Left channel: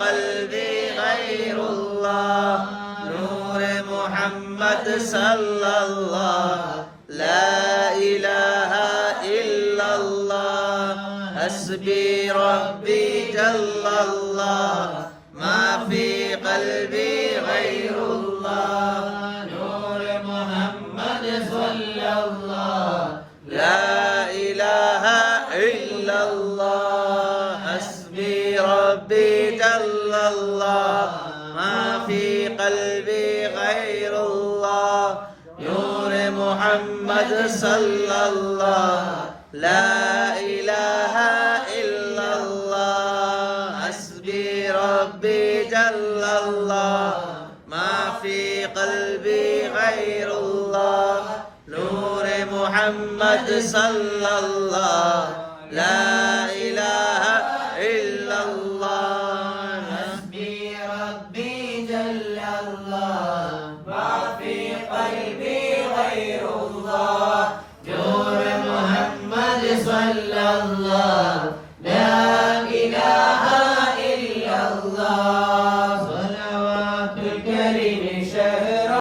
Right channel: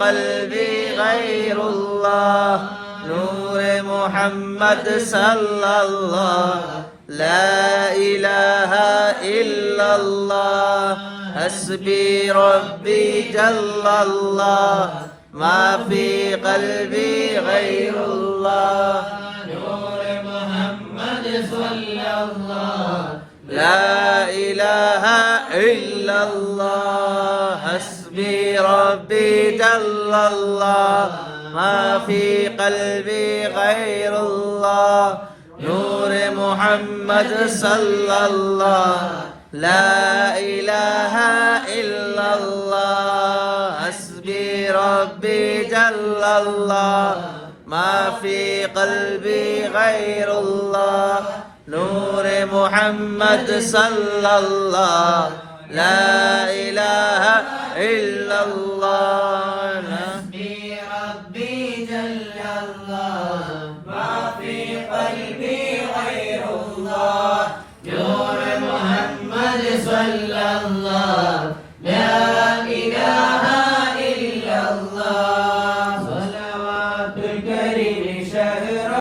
قلبي غير الله نور محمد صلى الله لا إله إلا الله حسبي ربي جل الله ما في قلبي غير الله نور محمد صلى الله لا إله إلا الله حسبي ربي جل الله ما في قلبي غير الله نور محمد صلى الله لا إله إلا الله حسبي ربي جل الله ما في قلبي غير الله نور محمد صلى الله لا إله إلا الله حسبي ربي جل الله ما في قلبي غير الله نور محمد صلى الله